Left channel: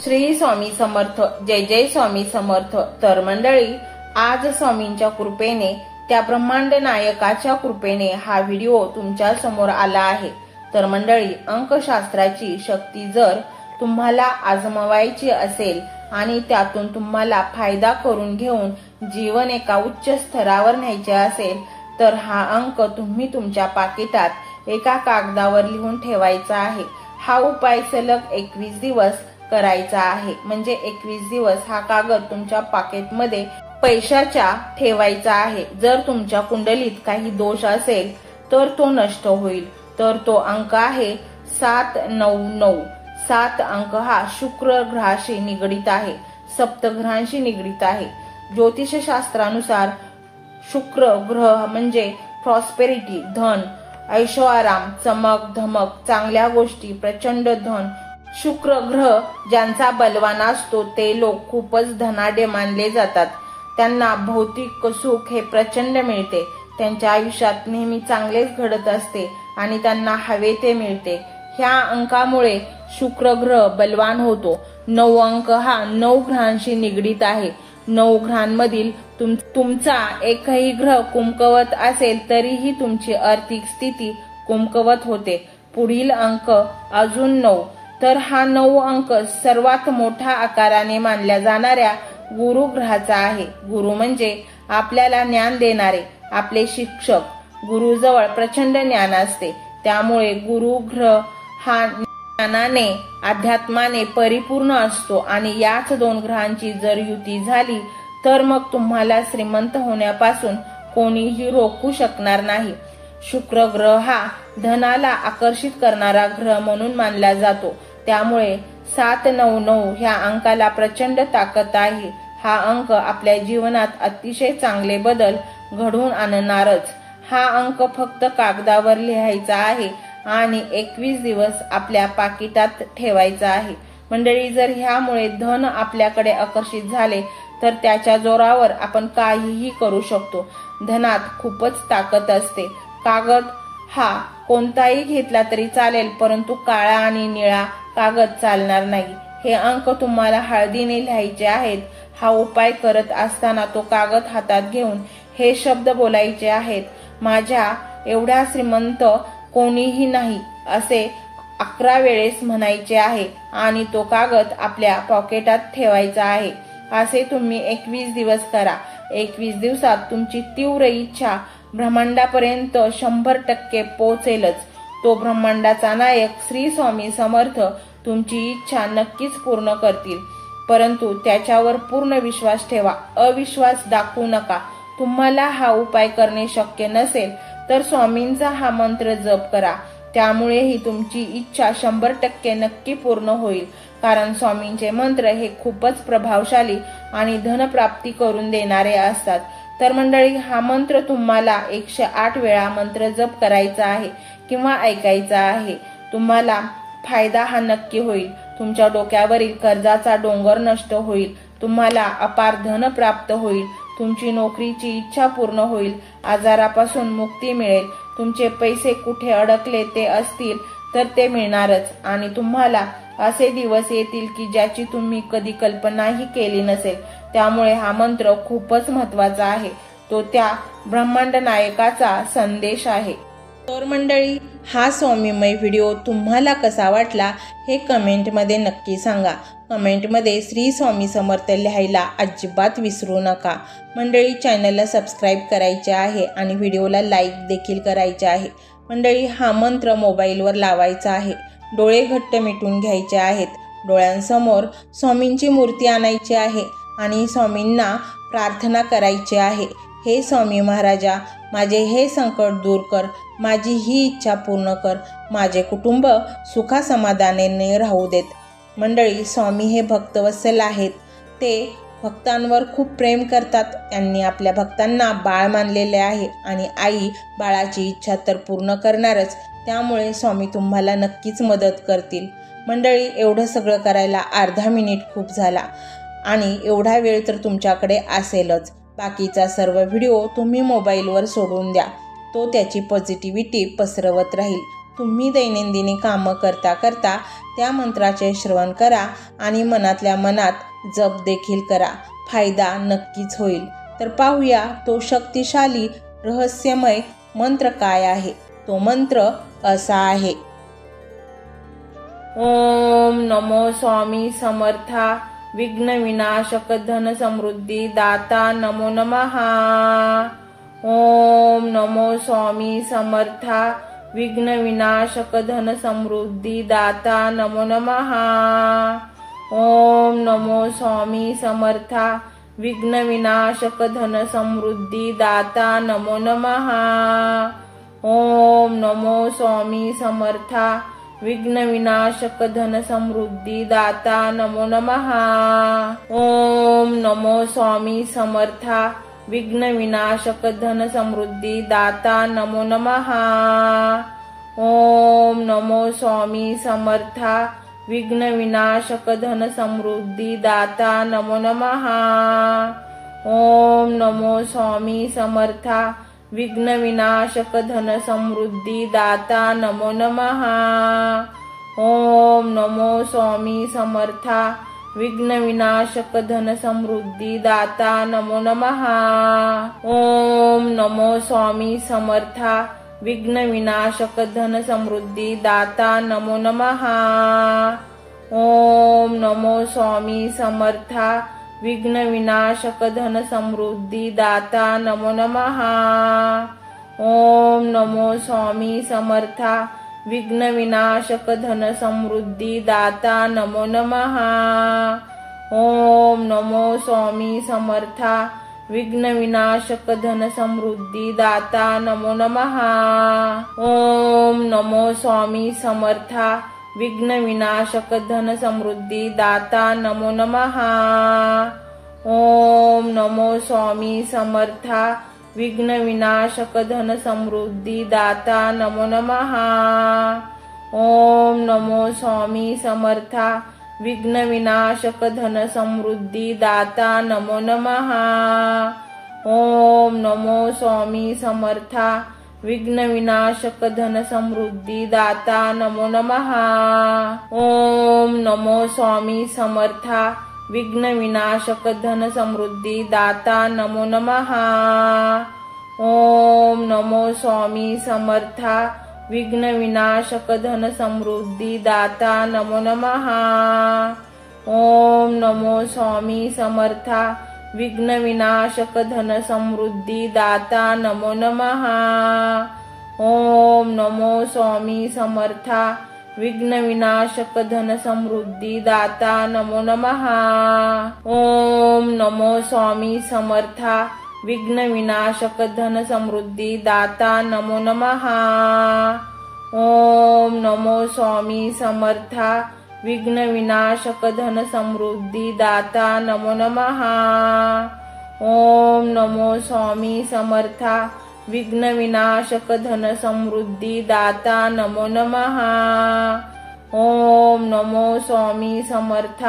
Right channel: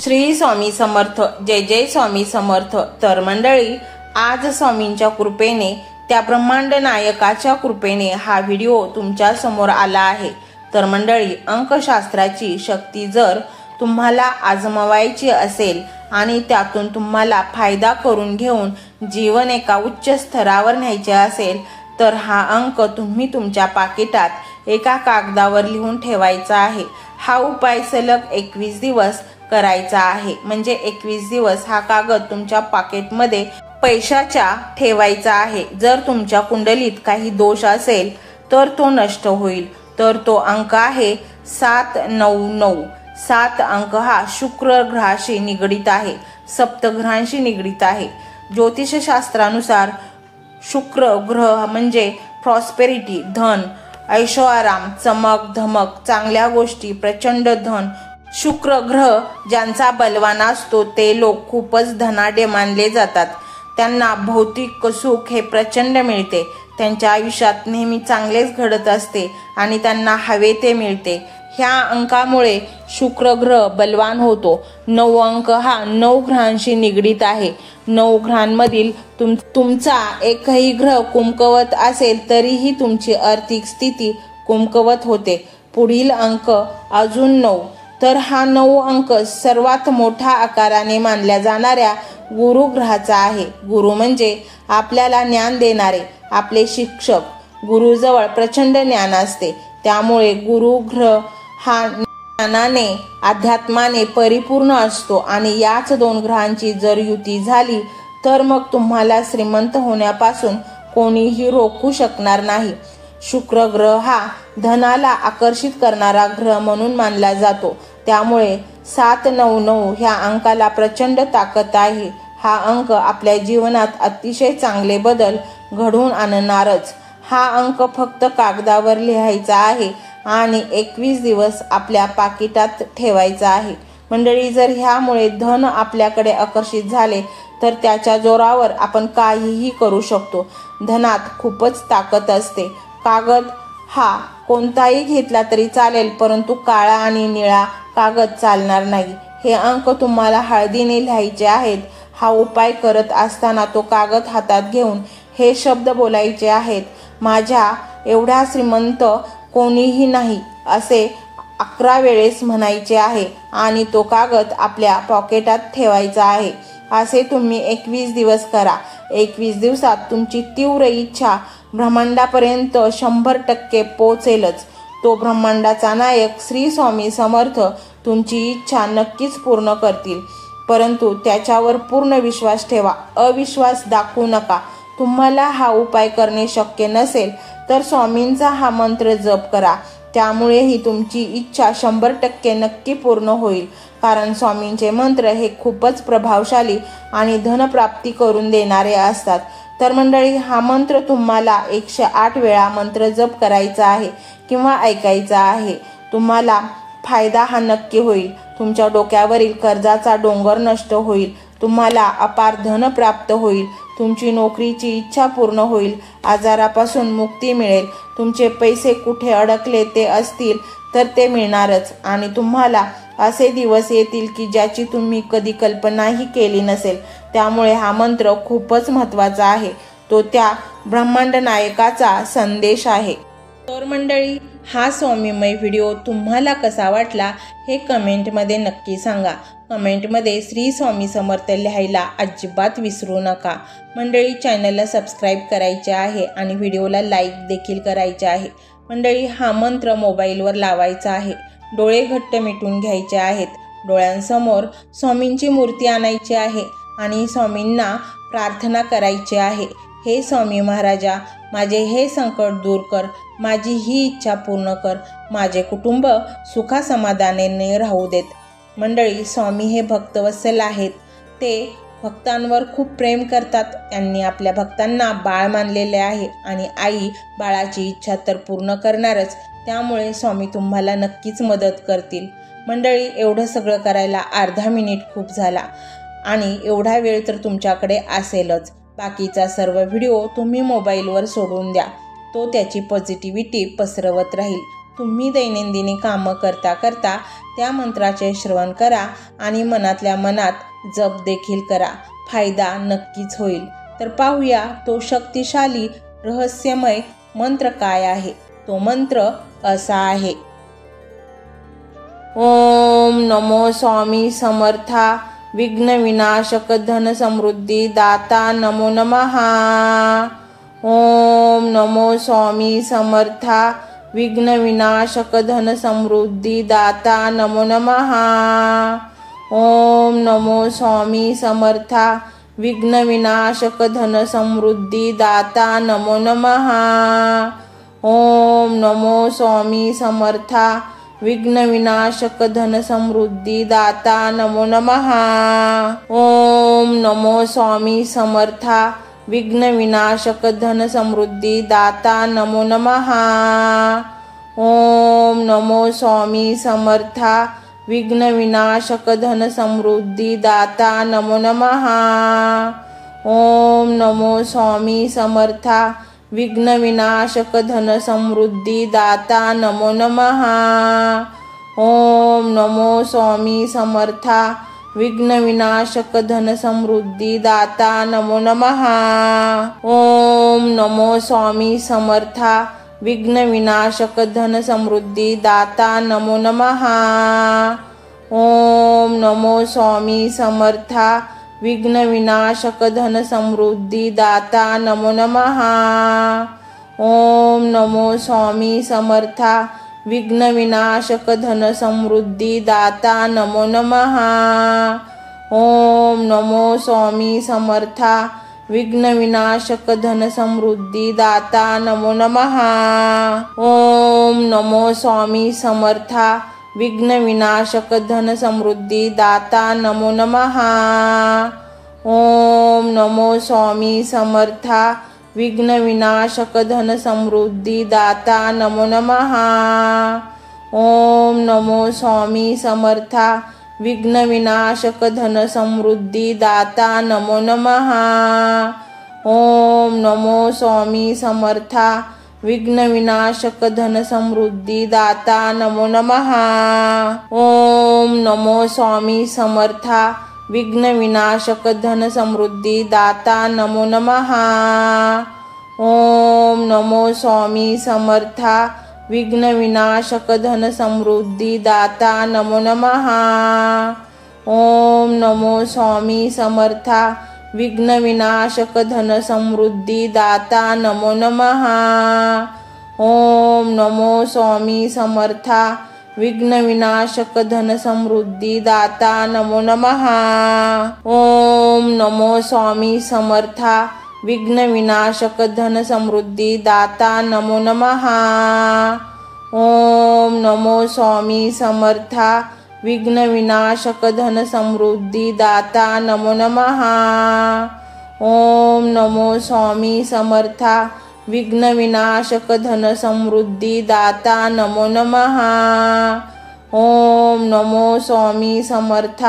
श्री स्वामी समर्थ, जय जय स्वामी समर्थ। तर मंडळी, आज स्वामींच्या कृपेने, त्या ब्रह्मांड नायकाच्या कृपेने हा व्हिडिओ तुमच्या समोर आला आहे। तर मंडळी, अंकशास्त्राची शक्ती जर तुम्हाला आजमावायची असेल आणि त्यातून तुम्हाला फायदा करून घेऊन जीवन एका उच्च स्तरावर न्यायचे असेल तर हा अंक तुम्ही तुमच्या पाकिटात एका कागदावर लिहून ठेवायचा आहे। हा उपाय सलग 21 दिवस करायचा आहे। म्हणजे 21 दिवस हा कागद तुमच्या पॉकेटमध्ये पैशाच्या ठेवायचा आहे। जर तुमच्या कुंडलीत काही दोष असेल तर तो नष्ट होईल। तर तो अंक आहे 799। 7 अंक हा शुक्र ग्रहाशी निगडित आहे, सप्तग्रहांशी निगडित आहे। ज्योतिषशास्त्रानुसार शुक्र ग्रह म्हणजे प्रॉस्पेरिटी, धन, ऐशोआराम, चमक धमक, चांगल्या गोष्टी, प्रचंड धन। शुक्र ग्रह ज्यांचा बलवान असतो ते लोक खूपच धनाढ्य मानले जातात। त्यांना भौतिक सुख हे प्रचंड मिळते। त्यांच्या आयुष्यात नेहमी चांगलेच घडत असते आणि त्यांना हवे ते मिळते। ह्या अंकामुळे शुक्र ग्रह बलवान होतो। 9 अंक हा 9 ग्रहांशी निगडित आहे। 9 ग्रहांमधील तुमचा एकही ग्रह कुमकवत असेल तरीही तुमची आर्थिक स्थिती कुमकवत होते। पुढील अंक अजून 9। तर हा 9 अंक सर्वात मोठा आकाराने मानल्या जाणाऱ्या गुरु ग्रहाचा आहे। गुरु म्हणजे आपल्याला ज्ञान देणारे, आपले शिक्षक। गुरुजवळ प्रचंड ज्ञान असते, त्यामुळे गुरु ग्रह हा ज्ञानाने, अध्यात्माने परिपूर्ण असतो आणि याच 2 ग्रहांची जर युती झाली तर मग तुम्हाला श्रीमंत होण्यापासून कोणीही रोखू शकणार नाही। शुक्र ग्रह हा धनाला आकर्षित करणारा ग्रह म्हणून मानला जातो। त्यामुळे 799 ह्या अंकाला प्रचंड ताकद आहे। हा अंक आपल्या जीवनात अतिशय चांगले बदल घडवून आणणारच। हा अंक फक्त कागदावर लिहायचा आहे आणि 21 दिवस आपल्या पाकिटात ठेवायचा आहे। मंडळी, जर ह्यामुळे धन आपल्याकडे आकर्षित झाले तर त्याच्या जोरावर आपण काहीही करू शकतो। धनात खूपच ताकद असते। कागद हा कोणताही घेतला तरी चालेल, परंतु काळा आणि निळा कागद चालणार नाही। हे अंक तुम्हाला हळदीने लिहायचे आहेत। हा उपाय करत असताना तो कागद हातात घेऊन हे शब्द बोलायचे आहेत, माझ्या एवढा श्रीमंत कोणीही नाही, असे 11 वेळेस म्हणायचे आहे आणि तो कागद आपल्या पॉकेटात ठेवायचा आहे। असे तुम्ही 21 दिवस करा। 21 दिवसात तुमची तीव्र इच्छा ब्रह्मांडापर्यंत 100% पोहोचेलच। तो ब्रह्मांडाचा नायक श्री स्वामी समर्थ तुमची इच्छा नक्कीच पूर्ण करतील, परंतु त्याच्यावर पूर्ण विश्वास ठेवा, अविश्वास दाखवू नका। तुम्हाला हा उपाय करणे शक्य नसेल तर स्वामींचा हा मंत्र जप करा, त्यामुळेही तुमची इच्छा 100% नक्की पूर्ण होईल। कारण स्वामींचे मंत्र हे खूपच प्रभावशाली आणि धनप्राप्ती करून देणारे असतात। तर मंडळी, हा मंत्र तुम्हाला 108 वेळा मंत्र जप करायचा आहे किंवा ऐकायचा आहे। तुम्हाला फायदा हा नक्की होईल। तुमच्या डोक्यावरील कर्जाचा डोंगर नष्ट होईल। तुम्हाला अपार धन प्राप्त होईल। तुमची नोकरीची इच्छा पूर्ण होईल। आजारापासून मुक्ती मिळेल। तुमचे पैसे कुठे अडकले ते असतील तर ते मिळणारच आणि तुम्हाला असे दिवस येतील की ज्याची तुम्ही कधी कल्पनाही केली नसेल। त्यामुळे हा मंत्र खूपच महत्त्वाचा आहे। तो त्या ब्रह्मांड नायकाचा संदेश आहे। तर मंडळी, हा स्वामीमय व्हिडिओ तुम्हाला कसा वाटला हे कमेंटमध्ये नक्की सांगा। कमेंटमध्ये श्री स्वामी समर्थ लिहायला अजिबात विसरू नका। मंडळी, चॅनलला सबस्क्राईब करायचे आहे आणि व्हिडिओला लाईक देखील करायचे आहे। मंडळी, हा मंत्र मोबाईलवर लावायचा आहे। डोळे घट्ट मिटून घ्यायचे आहेत। डोळ्यांसमोर स्वामींची मूर्ती आणायची आहे आणि स्वामींना प्रार्थना करायची आहे, हे स्वामी महाराजा, माझे हे संकट दूर कर, माझी ही इच्छा पूर्ण कर, माझे कुटुंब सुखासमाधानाने राहू देत। मंडळी, स्वामी हे भक्तवत्सल आहेत। ते भक्तांवर खूप प्रेम करतात। त्यांनी आपल्या भक्तांना बाळ मानलेले आहे आणि आई बाळाची इच्छा तर पूर्ण करणारच। त्यामुळे स्वामी तुम्हाला नक्कीच मदत करतील। मंडळी, एवढं सगळं करायला अर्धा मिनिट खूप झाला आणि एवढा वेळ तर तुमच्याकडे असेलच। बाकीचा सर्व व्हिडिओ तुम्ही मोबाईलवर सोडून द्या, तो त्याची पॉझिटिव्हिटी पसरवत राहील। तुम्ही दैनंदिनी कामं करता करता त्या मंत्राचे श्रवण करा आणि मनातल्या मनात जप देखील करा. फायदा नक्कीच होईल. तर पाहूया तो शक्तिशाली रहस्यमय मंत्र काय आहे. तो मंत्र असा आहे. ओम नमो स्वामी समर्था विघ्न विनाशक धन समृद्धी दाता नमो नमः. ओम नमो स्वामी समर्था विघ्न विनाशक धन समृद्धी दाता नमो नमः. ओम नमो स्वामी समर्था विघ्न विनाशक धन समृद्धी दाता नमो नमः. ओम नमो स्वामी समर्था विघ्न विनाशक धन समृद्धी दाता नमो नमः. ओम नमो स्वामी समर्था विघ्न विनाशक धन समृद्धी दाता नमो नमः. ओम नमो स्वामी समर्था विघ्न विनाशक धन समृद्धी दाता नमो नमः. ओम नमो स्वामी समर्था विघ्न विनाशक धन समृद्धी दाता नमो नमः. ओम नमो स्वामी समर्था विघ्न विनाशक धन समृद्धी दाता नमो नमः. ओम नमो स्वामी समर्था विघ्न विनाशक धन समृद्धी दाता नमो नमः. ओम नमो स्वामी समर्था विघ्न विनाशक धन समृद्धी दाता नमो नमः. ओम नमो स्वामी समर्था विघ्न विनाशक धन समृद्धी दाता नमो नमः. ओम नमो स्वामी समर्था विघ्न विनाशक धन समृद्धी दाता नमो नमः. ओम नमो स्वामी समर्था विघ्न विनाशक धन समृद्धी दाता नमो नमः. ओम नमो स्वामी समर्था विघ्न विनाशक धन समृद्धी दाता नमो नमः. ओम नमो स्वामी समर्था विघ्न विनाशक धन समृद्धी दाता नमो नमः. ओम नमो स्वामी समर्था विघ्न विनाशक धन समृद्धी दाता नमो नमः. ओम नमो स्वामी समर्था विघ्न विनाशक धन समृद्धी दाता नमो नमः. ओम नमो स्वामी समर्था विघ्न विनाशक धन समृद्धी दाता नमो नमः. ओम नमो स्वामी समर्था विघ्न विनाशक धन समृद्धी दाता नमो नमः. ओम नमो स्वामी समर्था विघ्न विनाशक धन समृद्धी दाता नमो नमः. ओम नमो स्वामी समर्था विघ्न विनाशक धन समृद्धी दाता नमो नमः. ओम नमो स्वामी समर्था विघ्न विनाशक धन समृद्धी दाता नमो नमः. ओम नमो स्वामी समर्था विघ्न विनाशक धन समृद्धी दाता नमो नमः. ओम नमो स्वामी समर्था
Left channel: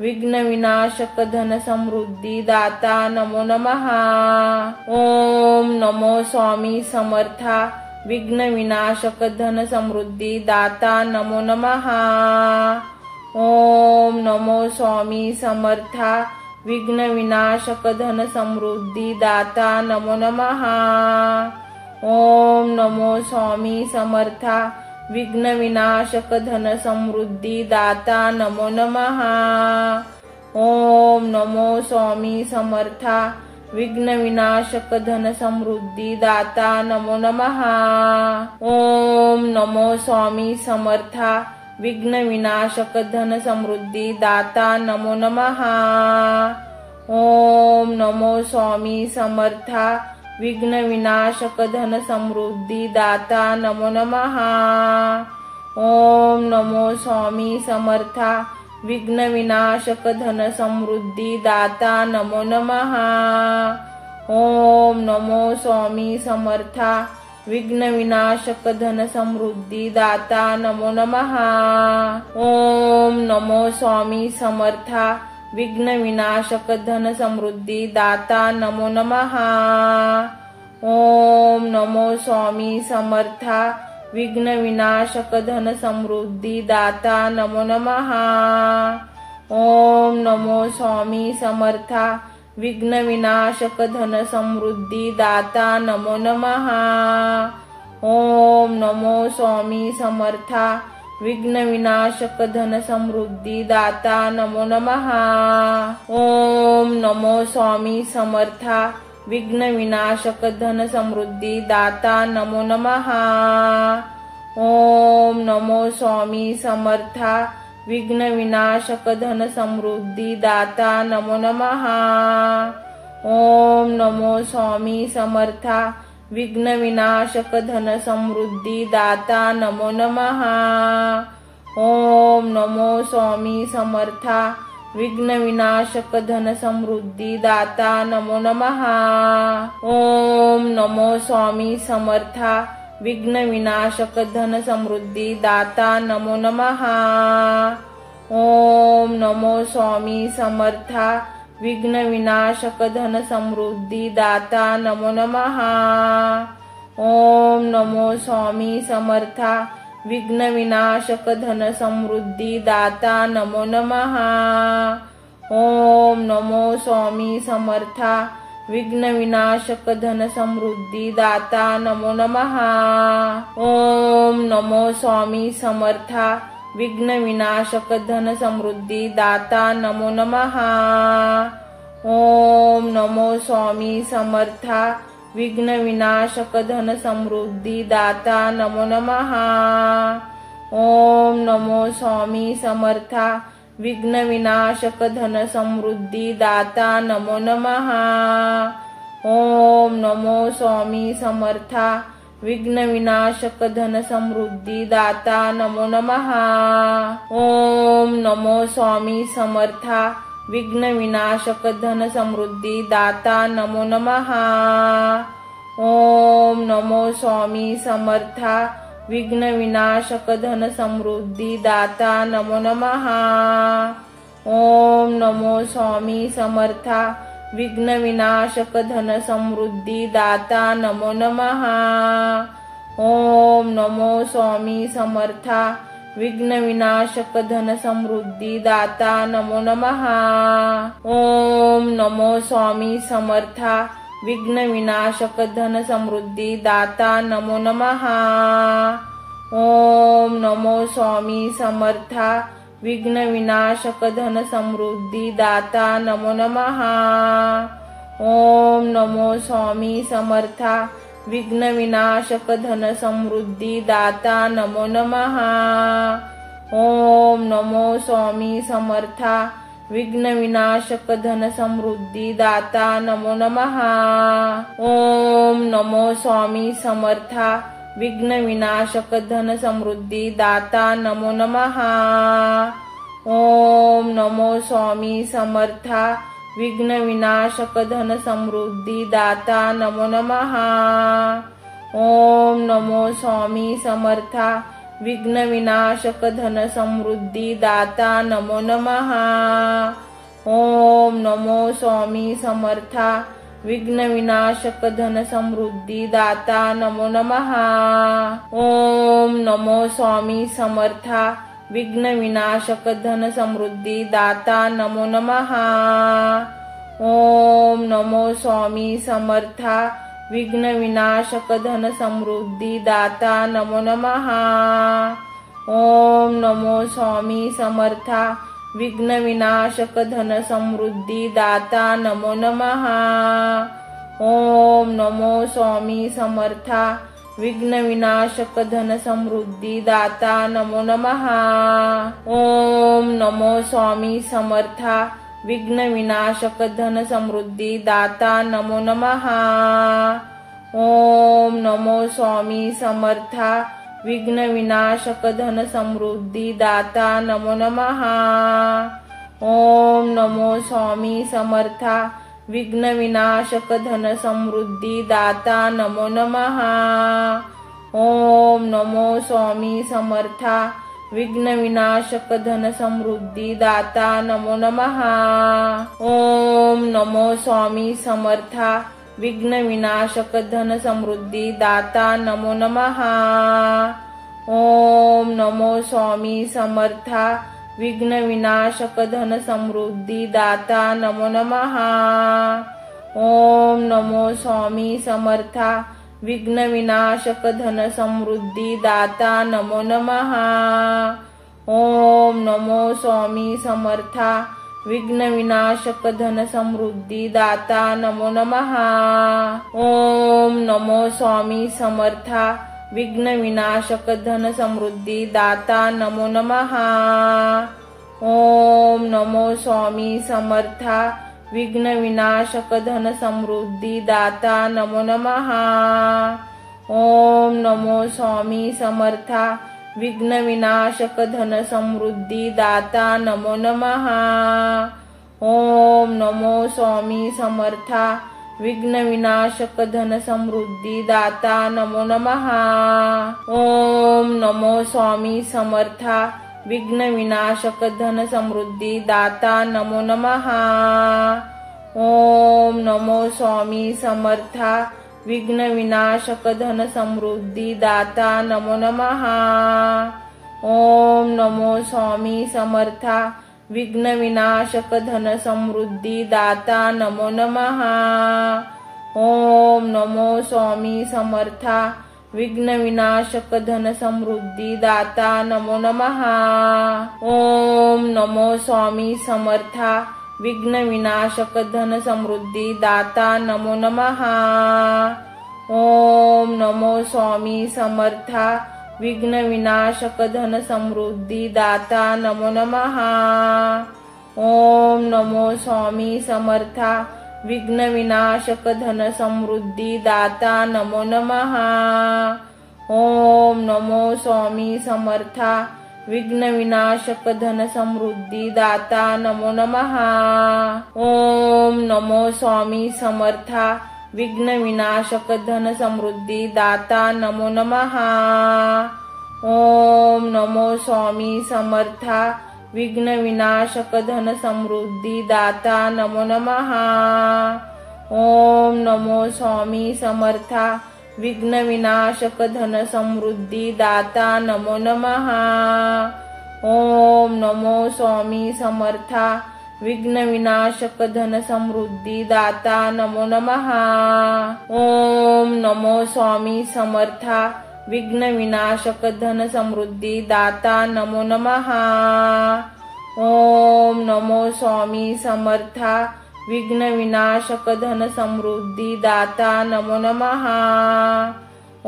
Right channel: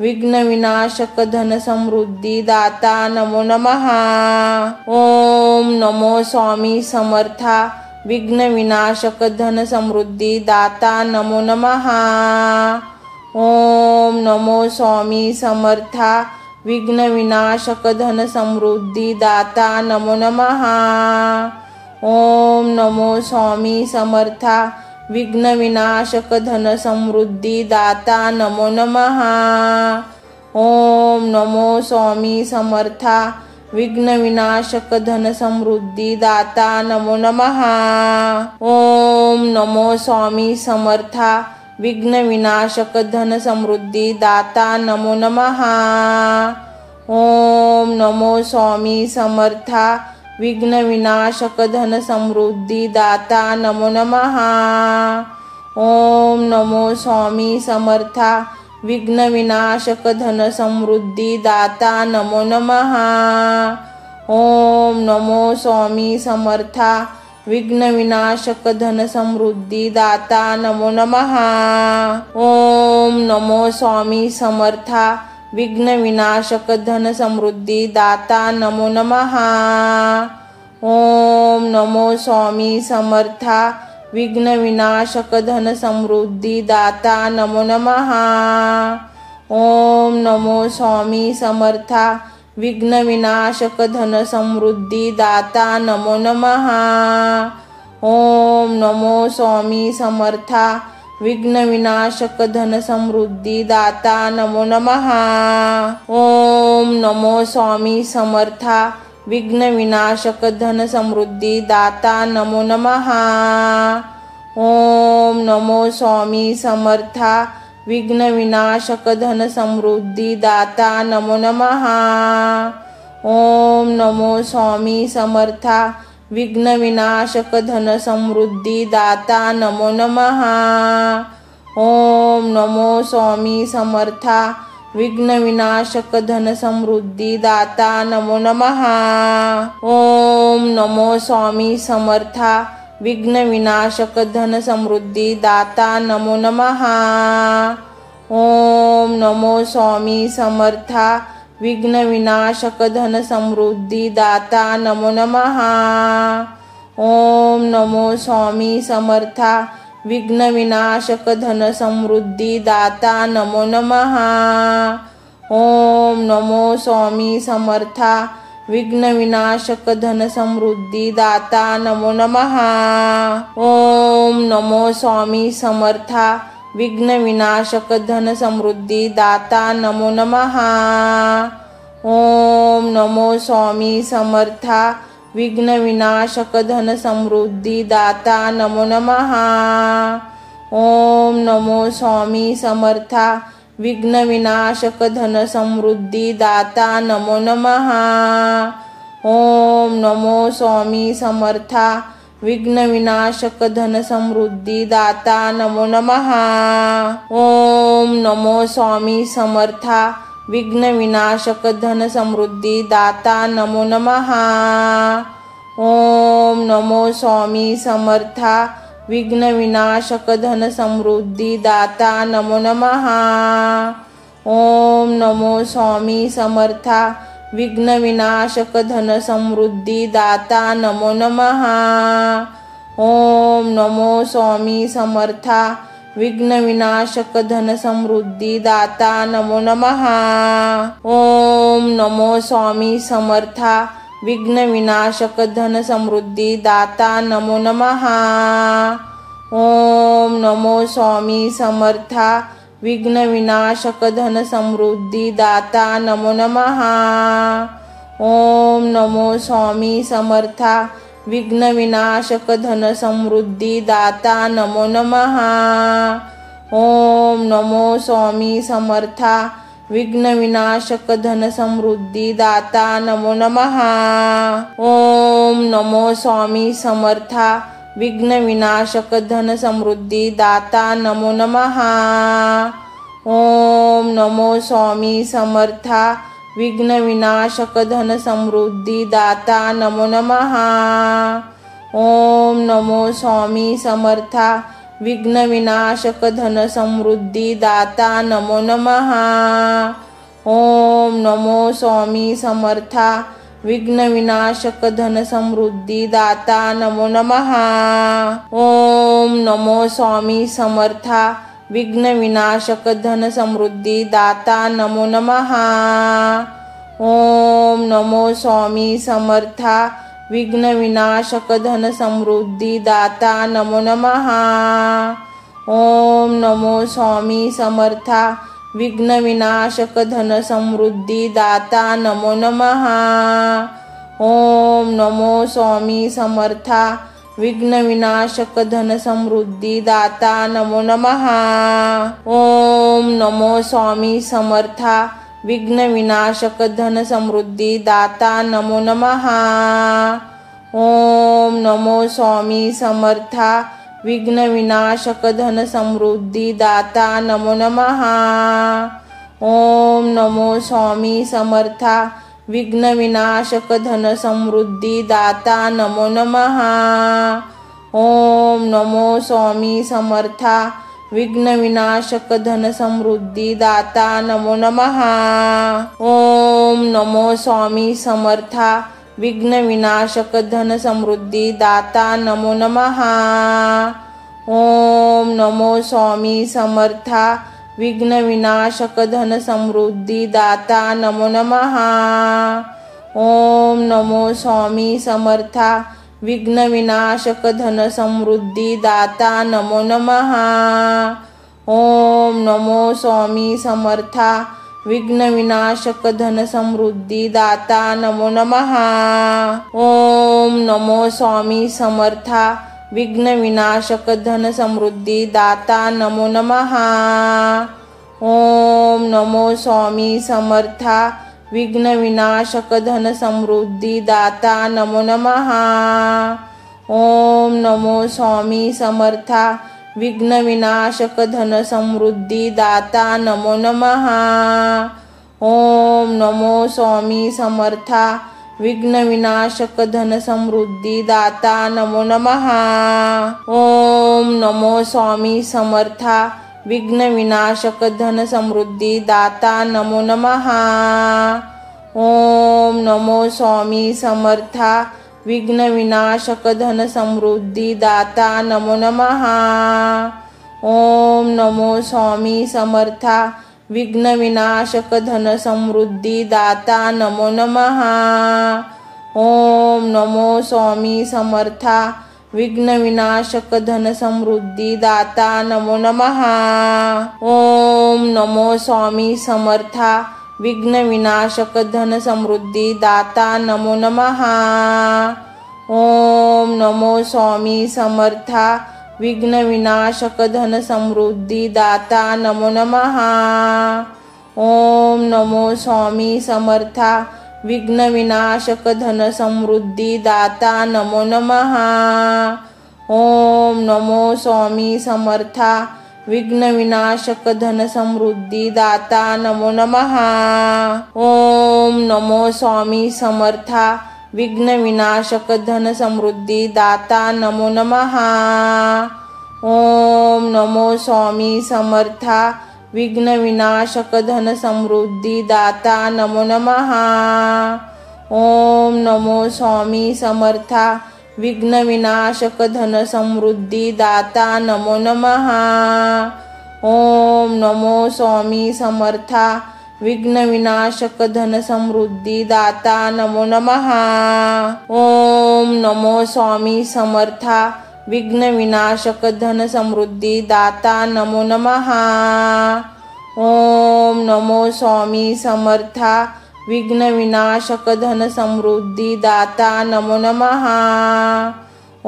विघ्न विनाशक धन समृद्धी दाता नमो नमः. ओम नमो स्वामी समर्था विघ्न विनाशक धन समृद्धी दाता नमो नमः. ओम नमो स्वामी समर्था विघ्न विनाशक धन समृद्धी दाता नमो नमः. ओम नमो स्वामी समर्था विघ्न विनाशक धन समृद्धी दाता नमो नमः. ओम नमो स्वामी समर्था विघ्न विनाशक धन समृद्धी दाता नमो नमः. ओम नमो स्वामी समर्था विघ्न विनाशक धन समृद्धी दाता नमो नमः. ओम नमो स्वामी समर्था विघ्न विनाशक धन समृद्धी दाता नमो नमः. ओम नमो स्वामी समर्था विघ्न विनाशक धन समृद्धी दाता नमो नमः. ओम नमो स्वामी समर्था विघ्न विनाशक धन समृद्धी दाता नमो नमः. ओम नमो स्वामी समर्था विघ्न विनाशक धन समृद्धी दाता नमो नमः. ओम नमो स्वामी समर्था विघ्न विनाशक धन समृद्धी दाता नमो नमः। ओम नमो स्वामी समर्था विघ्न विनाशक धन समृद्धी दाता नमो नमः। ओम नमो स्वामी समर्था विघ्न विनाशक धन समृद्धी दाता नमो नमः। ओम नमो स्वामी समर्था विघ्न विनाशक धन समृद्धी दाता नमो नमः। ओम नमो स्वामी समर्था विघ्न विनाशक धन समृद्धी दाता नमो नमः। ओम नमो स्वामी समर्था विघ्न विनाशक धन समृद्धी दाता नमो नमः। ओम नमो स्वामी समर्था विघ्न विनाशक धन समृद्धी दाता नमो नमः। ओम नमो स्वामी समर्था विघ्न विनाशक धन समृद्धी दाता नमो नमः। ओम नमो स्वामी समर्था विघ्न विनाशक धन समृद्धी दाता नमो नमः। ओम नमो स्वामी समर्था विघ्न विनाशक धन समृद्धी दाता नमो नमः। ओम नमो स्वामी समर्था विघ्न विनाशक धन समृद्धी दाता नमो नमः। ओम नमो स्वामी समर्था विघ्न विनाशक धन समृद्धी दाता नमो नमः। ओम नमो स्वामी समर्था विघ्न विनाशक धन समृद्धी दाता नमो नमः। ओम नमो स्वामी समर्था विघ्न विनाशक धन समृद्धी दाता नमो नमः। ओम नमो स्वामी समर्था विघ्न विनाशक धन समृद्धी दाता नमो नमः। ओम नमो स्वामी समर्था विघ्न विनाशक धन समृद्धी दाता नमो नमः। ओम नमो स्वामी समर्था विघ्न विनाशक धन समृद्धी दाता नमो नमः। ओम नमो स्वामी समर्था विघ्न विनाशक धन समृद्धी दाता नमो नमः। ओम नमो स्वामी समर्था विघ्न विनाशक धन समृद्धी दाता नमो नमः। ओम नमो स्वामी समर्था विघ्न विनाशक धन समृद्धी दाता नमो नमः। ओम नमो स्वामी समर्था विघ्न विनाशक धन समृद्धी दाता नमो नमः। ओम नमो स्वामी समर्था विघ्न विनाशक धन समृद्धी दाता नमो नमः। ओम नमो स्वामी समर्था विघ्न विनाशक धन समृद्धी दाता नमो नमः। ओम नमो स्वामी समर्था विघ्न विनाशक धन समृद्धी दाता नमो नमः। ओम नमो स्वामी समर्था विघ्न विनाशक धन समृद्धी दाता नमो नमः। ओम नमो स्वामी समर्था विघ्न विनाशक धन समृद्धी दाता नमो नमः। ओम नमो स्वामी समर्था विघ्न विनाशक धन समृद्धी दाता नमो नमः। ओम नमो स्वामी समर्था विघ्न विनाशक धन समृद्धी दाता नमो नमः। ओम नमो स्वामी समर्था विघ्न विनाशक धन समृद्धी दाता नमो नमः। ओम नमो स्वामी समर्था विघ्न विनाशक धन समृद्धी दाता नमो नमः। ओम नमो स्वामी समर्था विघ्न विनाशक धन समृद्धी दाता नमो नमः। ओम नमो स्वामी समर्था विघ्न विनाशक धन समृद्धी दाता नमो नमः। ओम नमो स्वामी समर्था विघ्न विनाशक धन समृद्धी दाता नमो नमः। ओम नमो स्वामी समर्था विघ्न विनाशक धन समृद्धी दाता नमो नमः। ओम नमो स्वामी समर्था विघ्न विनाशक धन समृद्धी दाता नमो नमः। ओम नमो स्वामी समर्था विघ्न विनाशक धन समृद्धी दाता नमो नमः। ओम नमो स्वामी समर्था विघ्न विनाशक धन समृद्धी दाता नमो नमः। ओम नमो स्वामी समर्था विघ्न विनाशक धन समृद्धी दाता नमो नमः। ओम नमो स्वामी समर्था विघ्न विनाशक धन समृद्धी दाता नमो नमः। ओम नमो स्वामी समर्था विघ्न विनाशक धन समृद्धी दाता नमो नमः। ओम नमो स्वामी समर्था विघ्न विनाशक धन समृद्धी दाता नमो नमः। ओम नमो स्वामी समर्था विघ्न विनाशक धन समृद्धी दाता नमो नमः। ओम नमो स्वामी समर्था विघ्न विनाशक धन समृद्धी दाता नमो नमः। ओम नमो स्वामी समर्था विघ्न विनाशक धन समृद्धी दाता नमो नमः। ओम नमो स्वामी समर्था विघ्न विनाशक धन समृद्धी दाता नमो नमः। ओम नमो स्वामी समर्था विघ्न विनाशक धन समृद्धी दाता नमो नमः। ओम नमो स्वामी समर्था विघ्न विनाशक धन समृद्धी दाता नमो नमः। ओम नमो स्वामी समर्था विघ्न विनाशक धन समृद्धी दाता नमो नमः। ओम नमो स्वामी समर्था विघ्न विनाशक धन समृद्धी दाता नमो नमः। ओम नमो स्वामी समर्था विघ्न विनाशक धन समृद्धी दाता नमो नमः। ओम नमो स्वामी समर्था विघ्न विनाशक धन समृद्धी दाता नमो नमः। ओम नमो स्वामी समर्था विघ्न विनाशक धन समृद्धी दाता नमो नमः। ओम नमो स्वामी समर्था विघ्न विनाशक धन समृद्धी दाता नमो नमः। ओम नमो स्वामी समर्था विघ्न विनाशक धन समृद्धी दाता नमो नमः। ओम नमो स्वामी समर्था विघ्न विनाशक धन समृद्धी दाता नमो नमः। ओम नमो स्वामी समर्था विघ्न विनाशक धन समृद्धी दाता नमो नमः। ओम नमो स्वामी समर्था विघ्न विनाशक धन समृद्धी दाता नमो नमः।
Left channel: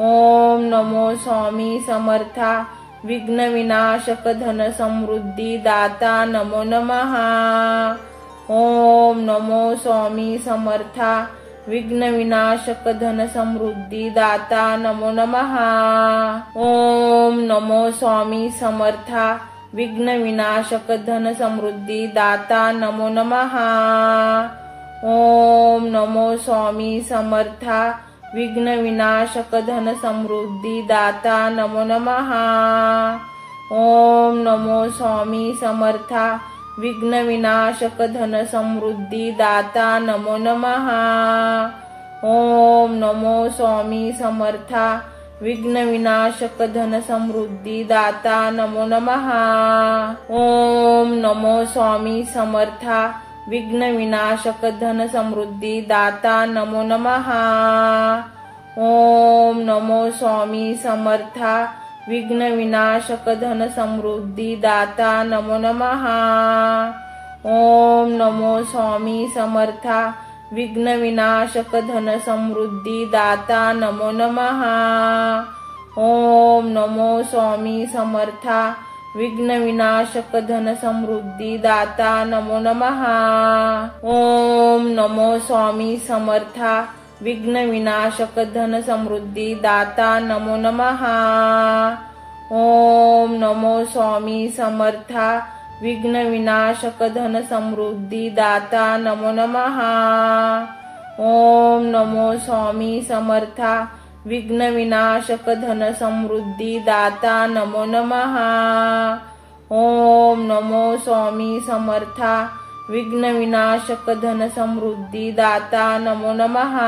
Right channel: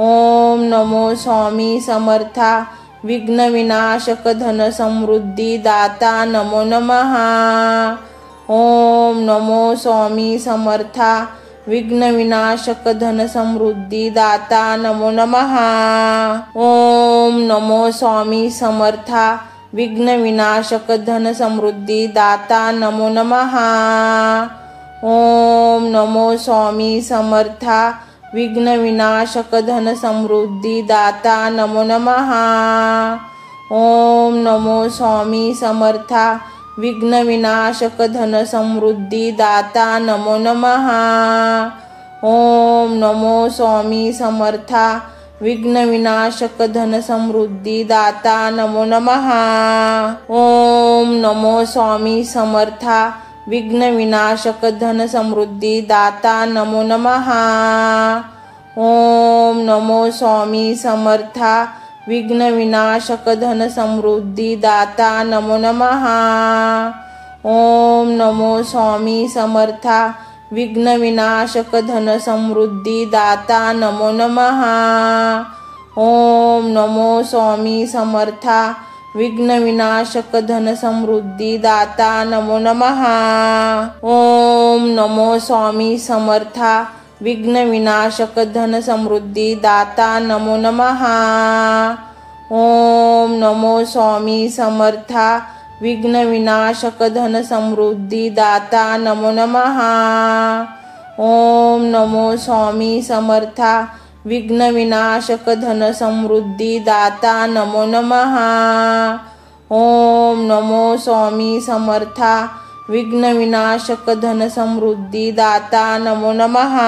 ओम नमो स्वामी समर्था विघ्न विनाशक धन समृद्धी दाता नमो नमः। ओम नमो स्वामी समर्था विघ्न विनाशक धन समृद्धी दाता नमो नमः। ओम नमो स्वामी समर्था विघ्न विनाशक धन समृद्धी दाता नमो नमः। ओम नमो स्वामी समर्था विघ्न विनाशक धन समृद्धी दाता नमो नमः। ओम नमो स्वामी समर्था विघ्न विनाशक धन समृद्धी दाता नमो नमः। ओम नमो स्वामी समर्था विघ्न विनाशक धन समृद्धी दाता नमो नमः। ओम नमो स्वामी समर्था विघ्न विनाशक धन समृद्धी दाता नमो नमः। ओम नमो स्वामी समर्था विघ्न विनाशक धन समृद्धी दाता नमो नमः। ओम नमो स्वामी समर्था विघ्न विनाशक धन समृद्धी दाता नमो नमः। ओम नमो स्वामी समर्था विघ्न विनाशक धन समृद्धी दाता नमो नमः। ओम नमो स्वामी समर्था विघ्न विनाशक धन समृद्धी दाता नमो नमः। ओम नमो स्वामी समर्था विघ्न विनाशक धन समृद्धी दाता नमो नमः। ओम नमो स्वामी समर्था विघ्न विनाशक धन समृद्धी दाता नमो नमः। ओम नमो स्वामी समर्था विघ्न विनाशक धन समृद्धी दाता नमो नमः।